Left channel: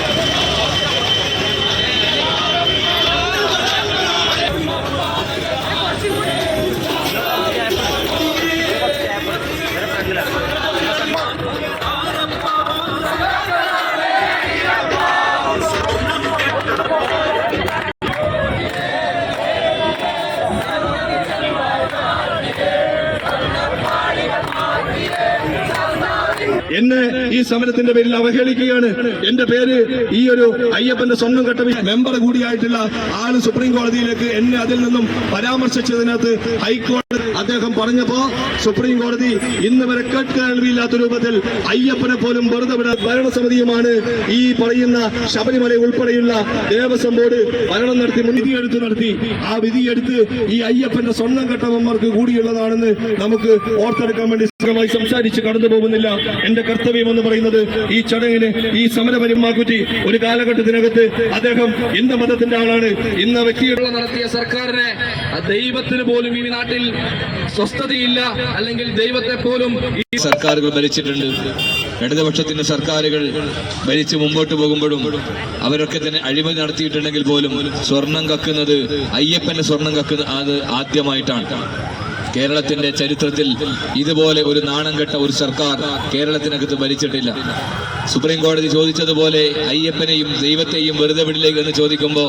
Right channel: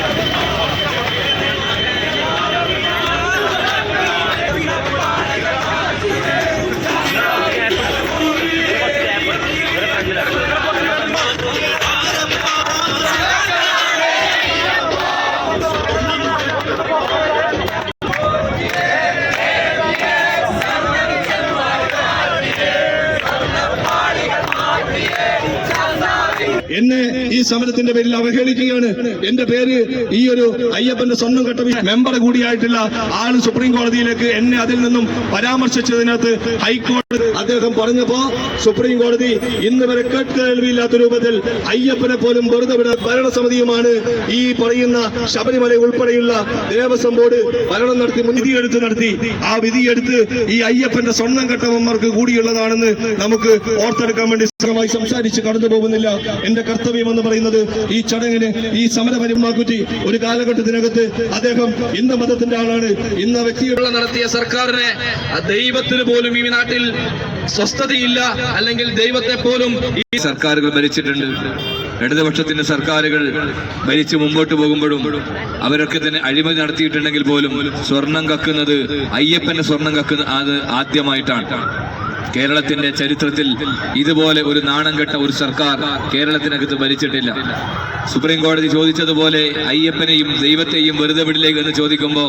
Let's go. എന്നെ ഈ സമരത്തിന്റെ പേരിൽ അവഹേളിക്കുകയാണ് എന്റെ പേര് ഈ ഒരു അയ്യപ്പന്റെ സ്വന്തം ഘട്ട മെമ്പർ കൂടിയായിട്ടുള്ള ആൾ സുപ്രീം കോടതിയിലേക്ക് എന്നെ അതിൽ നിന്നും പരാമർശിച്ചതിനകത്ത് ഹൈക്കോടതി അദ്ദേഹം പറഞ്ഞപ്പോ സുപ്രീം കോടതി ഇന്ന് വരെ കേൾവിയില്ലാത്ത രൂപത്തിൽ അയ്യപ്പനെ പോലും വെറുതെ വിട ഭരണസമിതിയുമാണ് ഈ പറയുന്ന ശബരിമല ഉൾപ്പെടെയുള്ള ദേവസ്വം ബോർഡ് ഭരണം നടത്തി വിധിയെടുത്ത് നടത്തി. ആ വിധിയെടുത്ത് ഈ അയ്യപ്പന്റെ സ്വന്തം ഘട്ടമന്മാർക്ക് കൂടിയുള്ളതാണെന്ന് നമുക്ക് ഓർത്തെടുക്കാൻ വേണ്ടി സുഖമായി സംസാരിച്ച് കടന്നു പോകുന്നില്ല. എന്റെ കർത്തവ്യം എന്ന് പറയുന്നത് ഈ ചടങ്ങിന് ഈ സമരപരിമാക്കുറ്റി ഒരു കാലഘട്ടത്തിനകത്ത് അദ്ദേഹം ഇന്ന മതത്തിന്റെ ആളാണ്. ഇന്ന വ്യക്തിയുള്ള നടത്തിയ സർക്കാരിനെ ദൈവത്തിന് പോലും ഈ നാട്ടിൽ സ്വസ്ഥതയില്ല അല്ലെങ്കിൽ ദൈവത്തെ പോലും ഈ സർക്കാരുകൾ ഭരിച്ചിട്ടുണ്ട്. ഇടതുപക്ഷത്തിന്റെ സർക്കാരുകൾ ഭരിച്ച് മുമ്പോട്ട് പോകുമ്പോഴും അവരൊക്കെ തന്നെ അഴിമതി നടത്തിയിട്ടുണ്ടെങ്കിൽ പോലും സ്വർണം കക്കുന്നത് അയ്യപ്പന്റെ സ്വർണം കക്കുന്ന അത് ആദ്യമായിട്ടാണ്. കേരളത്തിന്റെ ചരിത്രത്തിൽ ഇതുപോലെ ഒരു നാണം കെട്ട ഒരു സർക്കാർ കേരളത്തിനകത്ത് ഭരിച്ചിട്ടില്ല. സുപ്രീം കോടതി ചോദിച്ചതുപോലെ അയ്യപ്പനെയും ദൈവത്തെയും വെറുതെ വിടിലേക്ക് എന്ന് ചോദിക്കുമ്പോൾ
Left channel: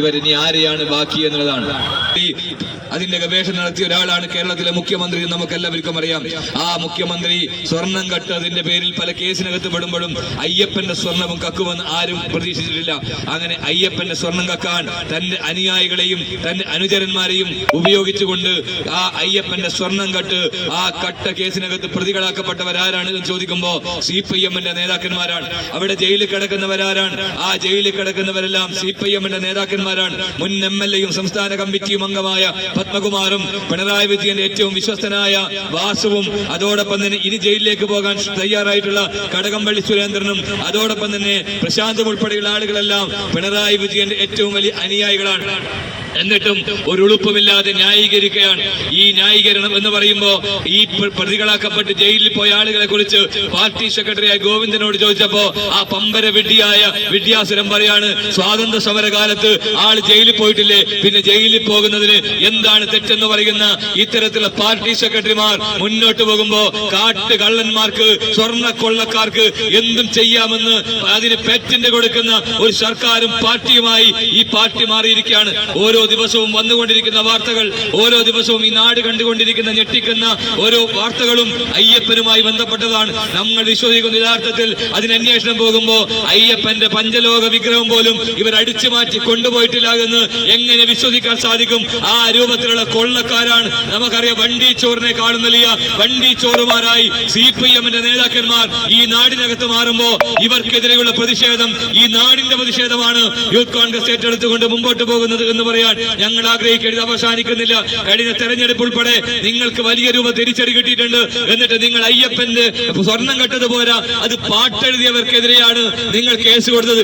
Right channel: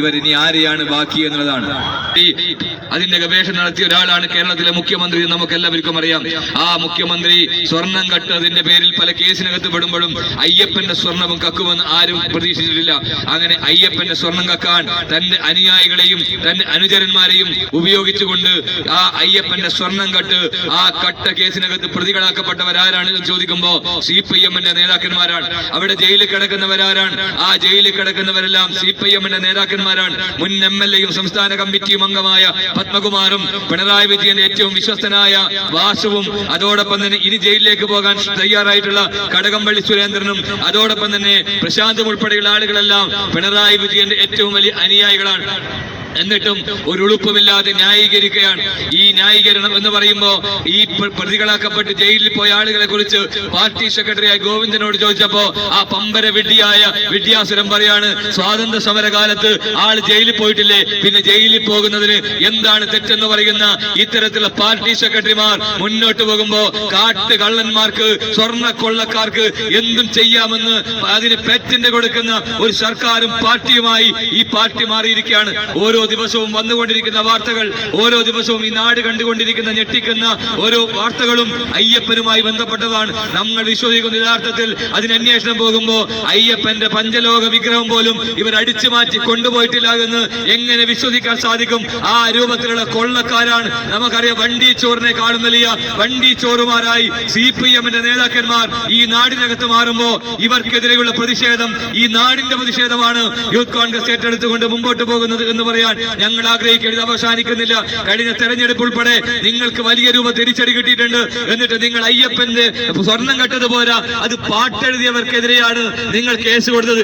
ഇവർ ഇനി ആരെയാണ് ബാക്കി എന്നുള്ളതാണ്. അതിന്റെ ഗവേഷണം നടത്തിയ ഒരാളാണ് കേരളത്തിലെ മുഖ്യമന്ത്രി നമുക്ക് എല്ലാവർക്കും അറിയാം. ആ മുഖ്യമന്ത്രി സ്വർണം കട്ടതിന്റെ പേരിൽ പല കേസിനകത്ത് പെടുമ്പോഴും അയ്യപ്പന്റെ സ്വർണവും കക്കുമെന്ന് ആരും പ്രതീക്ഷിച്ചിട്ടില്ല. അങ്ങനെ അയ്യപ്പന്റെ സ്വർണം കക്കാൻ തന്റെ അനുയായികളെയും തന്റെ അനുചരന്മാരെയും ഉപയോഗിച്ചുകൊണ്ട് ആ അയ്യപ്പന്റെ സ്വർണം കട്ട് ആ കട്ട കേസിനകത്ത് പ്രതികളാക്കപ്പെട്ടവരാരാണ് എന്ന് ചോദിക്കുമ്പോ സി പി എമ്മിന്റെ നേതാക്കന്മാരാണ്. അവിടെ ജയിലിൽ കിടക്കുന്നവരാരാണ്. ആ ജയിലിൽ കിടക്കുന്നവരെല്ലാം സി പി എമ്മിന്റെ നേതാക്കന്മാരാണ്. മുൻ എം എൽ എയും സംസ്ഥാന കമ്മിറ്റിയും അംഗമായ പത്മകുമാറും പിണറായി വിജയന്റെ ഏറ്റവും വിശ്വസ്തനായ വാസുവും അതോടൊപ്പം തന്നെ ഇനി ജയിലിലേക്ക് പോകാൻ തയ്യാറായിട്ടുള്ള കടകംപള്ളി സുരേന്ദ്രനും അതോടൊപ്പം തന്നെ പ്രശാന്തും ഉൾപ്പെടെയുള്ള ആളുകളെല്ലാം പിണറായി വിജയന്റെ ഏറ്റവും വലിയ അനുയായികളാണ്. എന്നിട്ടും ഒരു ഉളുപ്പുമില്ലാതെ ന്യായീകരിക്കുകയാണ്. ഈ ന്യായീകരണം എന്ന് പറയുമ്പോൾ ഈ പ്രതികളാക്കപ്പെട്ട് ജയിലിൽ പോയ ആളുകളെ കുറിച്ച് പാർട്ടി സെക്രട്ടറിയായ ഗോവിന്ദനോട് ചോദിച്ചപ്പോ ആ പമ്പര വിഡ്ഢിയായ വിദ്യാസുരം പറയാണ് സ്വാതന്ത്ര്യ സമരകാലത്ത് ആൾ ജയിലിൽ പോയിട്ടില്ലേ? പിന്നെ ജയിലിൽ പോകുന്നതിന് എന്താണ് തെറ്റെന്ന് പറയുന്ന ഇത്തരത്തിലുള്ള പാർട്ടി സെക്രട്ടറിമാർ മുന്നോട്ട് പോകുമ്പോ കാട്ട് കള്ളന്മാർക്ക് സ്വർണ കൊള്ളക്കാർക്ക് എന്തും ചെയ്യാമെന്ന് അതിന് പെറ്റിന്റെ കൊടുക്കുന്ന ഒരു സർക്കാരും പാർട്ടിയുമായി ഈ പാർട്ടി മാറിയിരിക്കുകയാണ്. ഓരോ ദിവസവും വന്നുകൊണ്ടിരിക്കുന്ന വാർത്തകൾ ഓരോ ദിവസവും ഈ നാട് കണ്ടുകൊണ്ടിരിക്കുന്ന ഞെട്ടിക്കുന്ന ഓരോ വാർത്തകളും അയ്യപ്പനുമായി ബന്ധപ്പെട്ടതാണ്. നമ്മൾ വിശ്വസിക്കുന്ന യഥാർത്ഥത്തിൽ അതിന് അന്വേഷണം പോകുമ്പോൾ അയ്യപ്പന്റെ പഞ്ചലോക വിഗ്രഹം പോലും ഇവർ അടിച്ചു മാറ്റി കൊണ്ടുപോയിട്ടില്ല എന്ന് എങ്ങനെ വിശ്വസിക്കാൻ സാധിക്കും? ആ രൂപത്തിലുള്ള കൊള്ളക്കാരാണ് നമുക്കറിയാം വണ്ടി ചോറിനെ കാണുന്ന വണ്ടി ചോറുമാരായി സി പി എമ്മിന്റെ നേതാക്കന്മാർ ഈ നാടിനകത്ത് മാറുമ്പോ ഇവർക്കെതിരെയുള്ള പ്രതിഷേധം ഈ നാടിന്റെ പ്രതിഷേധമാണ്. യൂത്ത് കോൺഗ്രസ് ഏറ്റെടുത്തുകൊണ്ട് മുമ്പോട്ട് പോകുന്നത് എന്ന് പറയാൻ ഞങ്ങൾ ആഗ്രഹിക്കരുത് അവസാനിക്കുന്നില്ല. കഴിഞ്ഞ തെരഞ്ഞെടുപ്പ് ഉൾപ്പെടെ നിങ്ങൾക്ക് വലിയ രൂപ തിരിച്ചടി കിട്ടിയിട്ടുണ്ട്. എന്നിട്ട് നിങ്ങൾ അയ്യപ്പന്റെ സ്വർണം കെട്ടത് പോരാ. അത് പാട്ടെഴുതിയവർക്കെതിരെയാണ് നിങ്ങൾ കേസ് കൊടുത്തത്.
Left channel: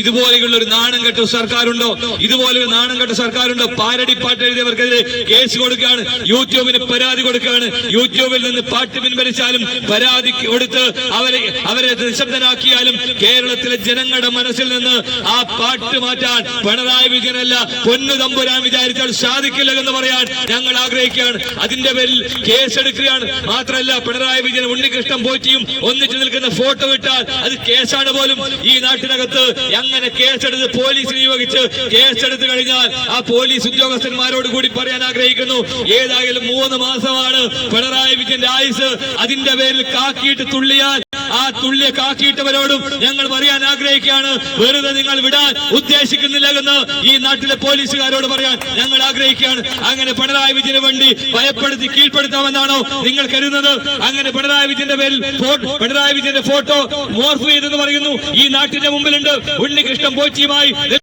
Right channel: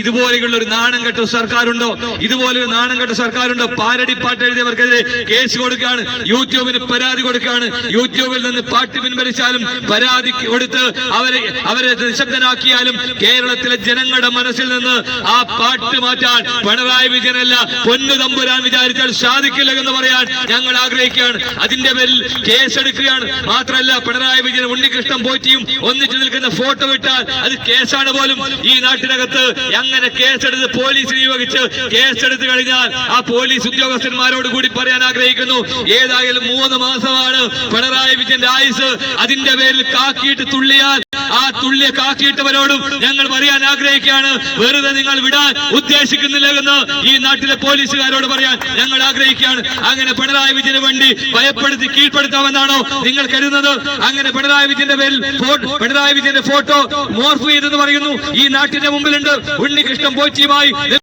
ഇതുപോലെയുള്ള ഒരു നാണം കെട്ട സർക്കാരുണ്ടോ? ഇതുപോലെ ഒരു നാണം കെട്ട സർക്കാരുണ്ടോ? പാരടി പാട്ട് എഴുതിയവർക്കെതിരെ കേസ് കൊടുക്കുകയാണ്. യൂട്യൂബിന് പരാതി കൊടുക്കുകയാണ്. യൂട്യൂബിൽ നിന്ന് പാട്ട് പിൻവലിച്ചാലും പരാതി കൊടുത്ത് അവരെ അവരെ നിശബ്ദനാക്കിയാലും കേരളത്തിലെ ജനങ്ങളുടെ മനസ്സിൽ നിന്ന് ആ പാട്ട് മാറ്റാൻ പിണറായി വിജയനല്ല പൊന്നു തമ്പുരാൻ വിചാരിച്ചാൽ സാധിക്കില്ല എന്ന് പറയാൻ ഞങ്ങൾ ആഗ്രഹിക്കുകയാണ്. അതിന്റെ പേരിൽ കേസെടുക്കുകയാണ്. മാത്രമല്ല പിണറായി വിജയൻ ഉണ്ണികൃഷ്ണൻ പോറ്റിയും ഒന്നിച്ചു നിൽക്കുന്ന ഫോട്ടോ ഇട്ടാൽ അത് കേസാണ് പോലും. ഈ നാട്ടിനകത്ത് അങ്ങനെ കേസെടുത്ത് പോലീസ് നിയോഗിച്ച് കേസെടുത്ത് കഴിഞ്ഞാൽ ആ പോലീസ് ഉദ്യോഗസ്ഥന്മാരോട് കൂടി പറയാൻ ആഗ്രഹിക്കുന്നു. ഏതായാലും മൂന്ന് മാസമാണ് പിണറായി വിജയന്റെ ആയുസ്. അതിന്റെ പേരിൽ കാക്കിയിട്ട് തുള്ളിയാൽ ആ തുള്ളിയെ കാക്കിയിട്ടവരോടും ഞങ്ങൾ പറയാൻ ആഗ്രഹിക്കുകയാണ്. വെറുതെ നിങ്ങൾ വിടാൻ ഉദ്ദേശിക്കുന്നില്ല എന്ന് ഈ നാട്ടിലെ പോലീസുകാരോട് പറയാൻ ഞങ്ങൾ ആഗ്രഹിക്കുകയാണ്. അങ്ങനെ പിണറായി വിജയന് വേണ്ടി ഭയപ്പെടുത്തി കീഴ്പ്പെടുത്താമെന്നാണോ നിങ്ങൾ കരുതുന്നത്? അങ്ങനെ പിണറായി വിജയന്റെ പേരിൽ പിണറായി വിജയന്റെ ഫോട്ടോ മോർഫ് ചെയ്തെന്ന് പറയുന്നു. ഈ നാട്ടിന്റെ മുമ്പിലുണ്ട്. ഉണ്ണികൃഷ്ണൻ പോച്ചിയുമായി